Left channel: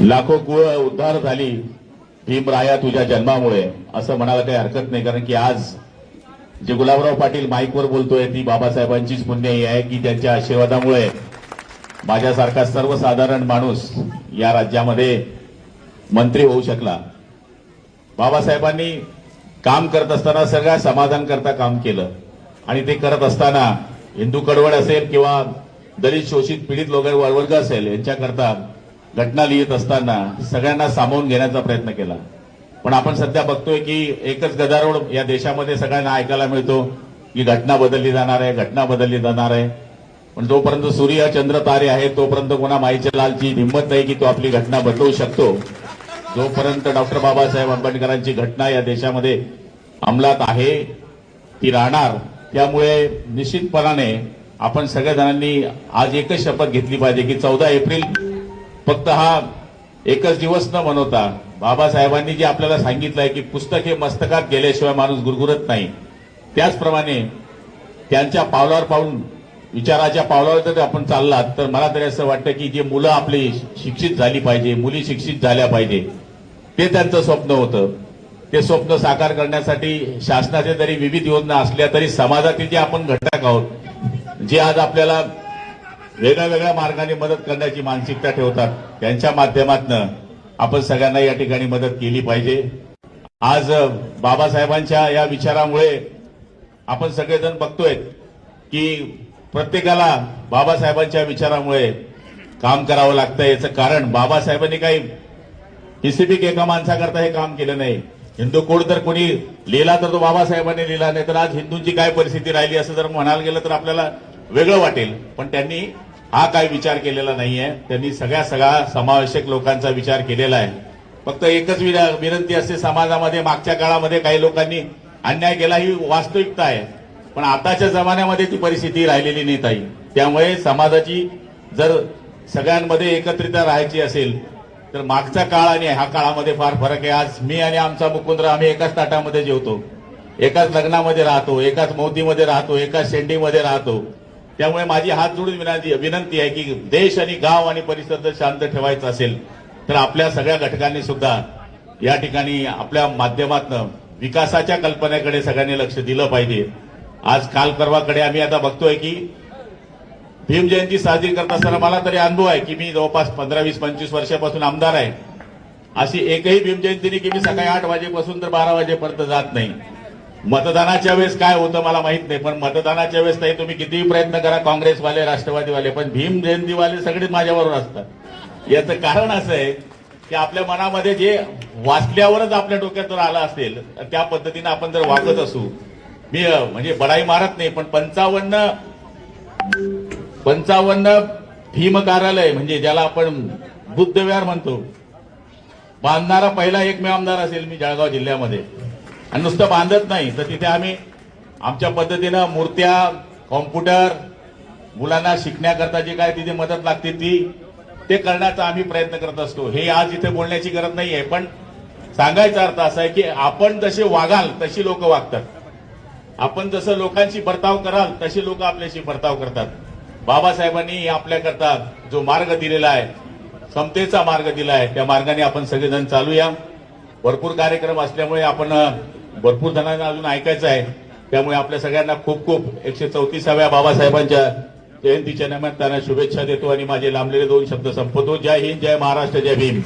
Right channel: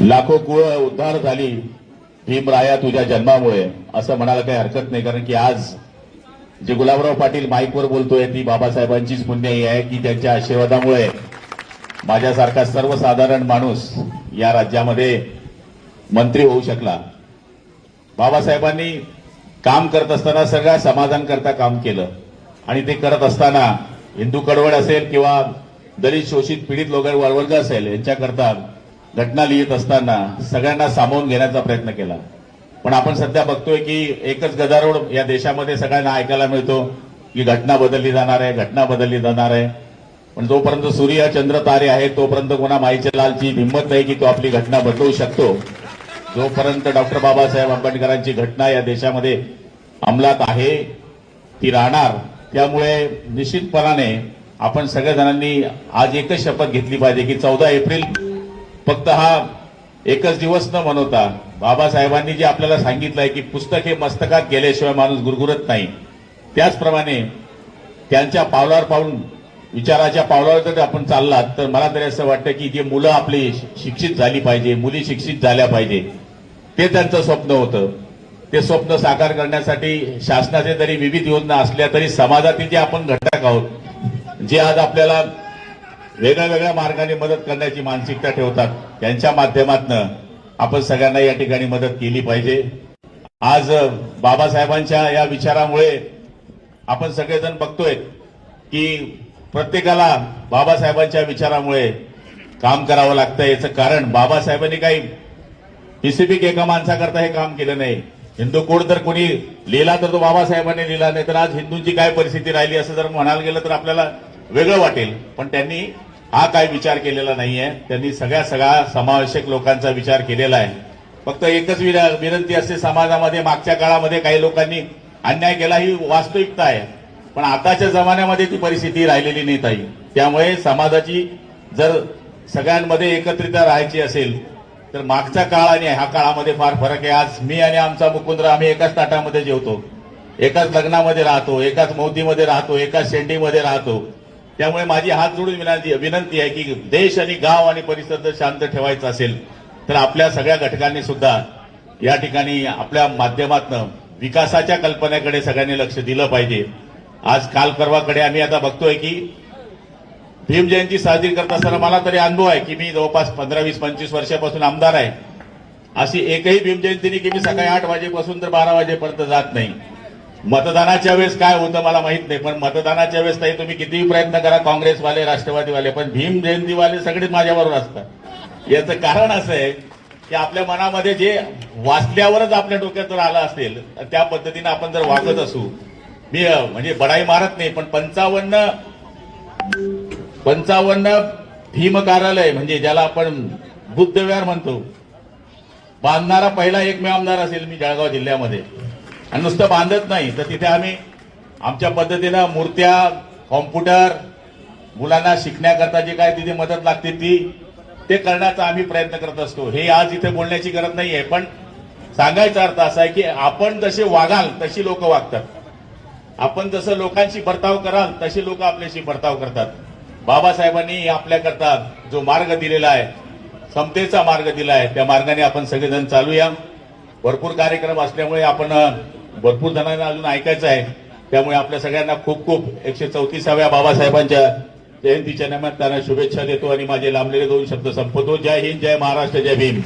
लाखो कुळ उद्धार झाली भीमराया तुझ्या जन्मामुळे असं म्हणायला काही हरकत नाही कारण की आज जे गुलाबराव पाटील माईकवर बोलतोय ती बाबासाहेबांचीच पुण्याई आहे की त्यांच्या आशीर्वादामुळे माझ्यासारखा सर्वसाधारण माणूस या राज्यामध्ये मंत्री होऊ शकला. बाबासाहेबांनी काम करत असताना सगळ्या समाजांकरता काम केलं. आणि ते करत असताना हिंदू कडवड असेल किंवा दलित शोषित पीडित लोक वर्ग असेल यांच्याकरता घटना लिहित असताना सगळ्यांना सामावून घेण्याचा प्रयत्न केला. पण आपण सध्या बघतोय की एकच गदारोळ या देशामध्ये सगळ्यांना ऐकायला मिळतो की घटना बदलली जाणार आहे घटना बदलली जाणार आहे. पण जोपर्यंत सूर्य चंद्र तारे आहेत तोपर्यंत कोणा माईच्या लालची हिंमत नाही की तो आपली घटना बदलवू शकतो. जोपर्यंत डॉक्टर बाबासाहेब आंबेडकरांची घटना या देशामध्ये अंमलात आहे ती राहणार. त्यामुळे निश्चितपणाने आपण सगळ्या आज एकच शपथ घेतली पाहिजे की चौदा एप्रिल फक्त हा एकच दिवस न मनवता बाबासाहेबांनी जे आपल्याला सांगितलंय की पुस्तक हे मस्तकात गेल्याशिवाय माणूस गुरगुरत नाही. त्याचप्रमाणे त्यांच्या पावलावर पाऊल विचाराच्या पावलावर जर आपण चाललात तर मला तरी असं वाटतं की जे मुलं आपली शिक्षित झाली पाहिजे मुली शिक्षित झाल्या पाहिजे ते त्यांचं स्वप्न होतं. ते स्वप्न साकार करण्यासाठी शासनाचे जरी विविध योजना असल्या तरी समाजातील जे आपण घटक आहोत जे आज आपल्याला वेगळ्या वेगळ्या मार्गाने मदत करण्याची मानसिकता ठेवतात. त्यांच्या माध्यमातून आपण सगळ्यांना या ठिकाणी मदत केली पाहिजे. आज बाबासाहेबांच्या या विचारामुळे आपण सगळेजण बघतोय की प्रत्येकाला बाबासाहेबांच्या विचारामुळे काम करावं लागतं याचं कारण बाबासाहेबांनी काही स्पेसिफिक एका माणसाकरता हे काम केलं नाही. हिंदू कोड तर कोणी लिहिला तर तो बाबासाहेबांनी लिहिला नाही तर आज हिंदूंची काय परिस्थिती राहिली असं जर म्हणायला गेलं तर आपल्याला वेगळं वाटेल. पण त्यांनी हा काय विचार केलेला नाहीये. त्यांनी सगळ्या सगळा समावेशक लोकांचा विचार केलेला आहे. फक्त एकच विनंती असते समाजामध्ये मागच्या काळामध्ये काही लोकांनी अन्याय केला ही वास्तविकता आहे. पण आताच्या जमान्यामध्ये ती परिस्थिती राहिलेली नाही ताई. त्यामुळे समाजाची जर सगळ्यांमध्ये एकत्रित राहायची असेल तर मागचा काळ आणि ह्या काळामध्ये फार फरक आहे. आज मी आणि आमचा मुकुंद्र आम्ही एकाच ताटामध्ये जेवतो. एकाच लग्नामध्ये राहतो एकाच मोदीमध्ये राहतो एकाच शेंडीमध्ये राहतो. त्यामुळे माझी हात जोडून विनंती विनंती आहे की देश आणि गाव आणि परिसर जर शांत ठेवायचा असेल तर आपल्या सगळ्या घटकांनी सुद्धा या ठिकाणी आपल्या माध्यमातनं विकासाच्या कल्पनेकडे सगळ्यांनी लक्ष दिलं पाहिजे. आज काल परवाकडे आम्ही आता बघतोय की भीम जयंती साजरी करत असताना मला तरी अनुभव आहे की मी जवळपास पंधरा वीस पंचवीस वर्षापासून आमदार आहे. अशी एकही भीमजयंती नाही की मी सकाळी आठ वाजेपासून तर बारा वाजेपर्यंत जात नाही. मतदानाच्या वेळेस काय होतं मला माहीत नाही पण मतदानाच्या वेळेस ताई तुम्ही कितीही प्रयत्न करा काँग्रेसवाले राष्ट्रवादीवाले पण भीम जयंतीवाले सगळे माझ्याबरोबर असतात. याचं कारण असं आहे की आपल्या मनामध्ये जे वाचल्यावरच आपल्या डोक्यात जर आलं असेल तर त्या पद्धतीने आपण जर वाचत असू मी म्हणजे बडाई मारत नाही पण पंचावन्न पंचावन्न भीम कार्यालय म्हणजे ज्याला आपण बुद्धविहार म्हणतो बांधणारा पहिला एकमेव आमदार असेल मी जळगाव जिल्ह्यामध्ये. आणि नुसतं बांधत नाही. तर तिथे आम्ही आमच्या पद्धतीनं मूर्त्या कॉम्प्युटर मुलांना शिकण्याकरता जी काय तिथे मदत लागते ती ते करण्याचा आम्ही प्रयत्न करत असतो. हे आज इथे बोलण्याची गरज नाहीये पण सांगायचा अर्थ असा आहे की आपण जसे वागाल तशी लोक वागतात. आपण जसं लोकांशी बर्ताव कराल तशी लोक आपल्याशी बर्ताव करतात. बाबासाहेबांनी आपल्याकरता जो मार्ग दिलेला आहे समतेचा मार्ग दिला आहे त्या मार्गाने आपण सगळेजण चालूया. भरपूर कार्यक्रम असल्यामुळे आपण भरपूर जणांना अजून ऐकायचं आहे. त्यामुळे आपल्या सगळ्यांना खूप खूप एकशे चौतीसाव्या बाबासाहेबांच्या जयंतीच्या निमित्तानं शुभेच्छा देतो आणि माझे लांबलेले दोन शब्द संपवतो. जय हिंद जय महाराष्ट्र जय भीम.